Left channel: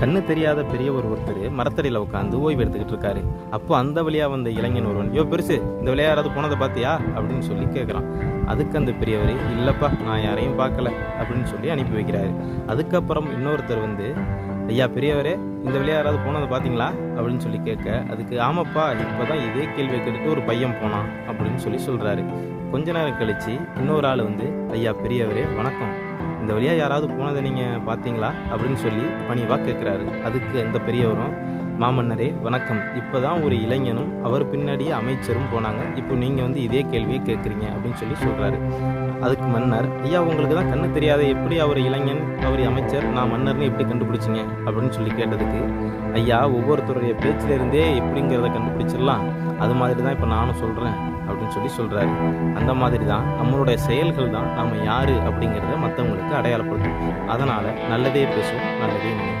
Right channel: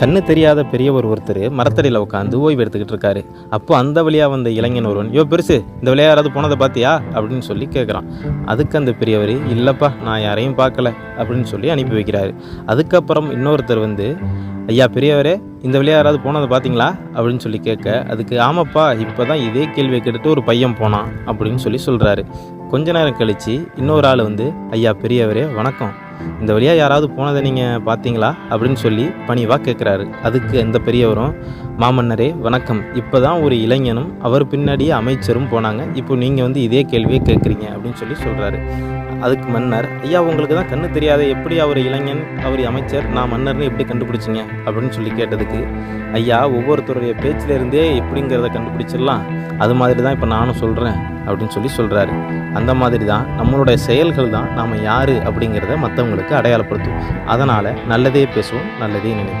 கண்ணு தெரியாத பெரியவர் ஒருத்தர் மரத்தடியில் உட்காந்து ஓய்வு எடுத்துக்கிட்டு இருக்காரு. அப்போ அந்த வழியாக வந்த இளைஞன் ஒருவன், யோ பெருசு, இந்த வழியா யாராவது போனதை பார்த்தியா அப்படின்னு சொல்லி கேட்குறான். அதுக்கு அந்த பெரியவர், இல்லைப்பா நான் யாரையும் பார்க்கல அப்படின்னு சொல்லி அனுப்பி வைக்கிறாரு. அதுக்கப்புறம் இன்னொருத்தர் வந்து, ஐயா பெரியவரே, இந்த வழியா யாராவது போனதை பார்த்தீங்களா அப்படின்னு சொல்லி கேட்க, அதுக்கு ஆமாப்பா இப்போ தான் இதே கேள்வியை கேட்டுட்டு ஒரு பையன் போனான் அப்படின்னு சொல்லி சொல்கிறாரு. கொஞ்ச நேரம் கழித்து இன்னொரு ஆள் வந்து, ஐயா பெரியவரே வணக்கம், இந்த வழியாக யாராவது போனதை நீங்கள் பார்த்தீங்களா அப்படின்னு சொல்லி பணிவாக கேட்குறாரு. அதுக்கு அந்த பெரியவரும், மாமன்னரே வணக்கம், இப்போ தான் ஒரு இளைஞனும் அவர் பின்னாடியே அமைச்சரும் போனாங்க, இப்போ நீங்கள் வந்து இதே கேள்வியை கேட்குறீங்க அப்படின்னு சொல்லி சொல்கிறாரு. அதுக்கு மன்னர், ஐயா உங்களுக்கு தான் கண்ணு தெரியாத, எப்படி அவர் இளைஞன் அவர் அமைச்சர் நான் மன்னர்னு எப்படி கண்டுபிடிச்சிங்க அப்படின்னு சொல்லி கேட்டதுக்கு, ஐயா ஒவ்வொருத்தருடைய பேச்சிலிருந்தே எப்படிங்கிறத கண்டுபிடிச்சிடலாம், அது மாதிரி தான் இப்போ நானும் சொல்கிறேன் அப்படின்னு சொல்லி சொல்கிறாரு. அந்த மாதிரி தான் நம்மளுடைய செயல்கள் தான் நாம் யார் அப்படிங்கிறத மற்றவங்களுக்கு அடையாளப்படுத்தும். அதனால் நல்லதே பேசுவோம், நல்லதே நினைப்போம்.